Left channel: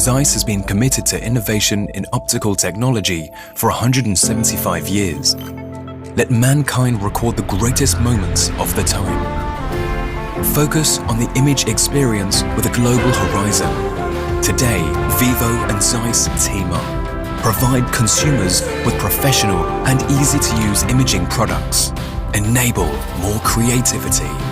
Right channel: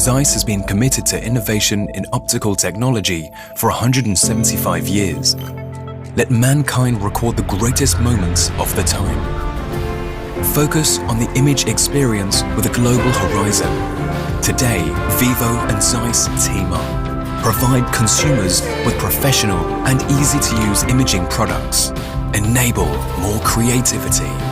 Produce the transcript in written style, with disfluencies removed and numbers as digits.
ZEISS has been committed to innovation in optical technology for 175 years. Let mankind record the greatest moments of the time. Focus on the image experience with a global horizon. Today, Vivo and ZEISS team up. Provide consumers with professional and easy-to-use imaging products. Enable more creativity.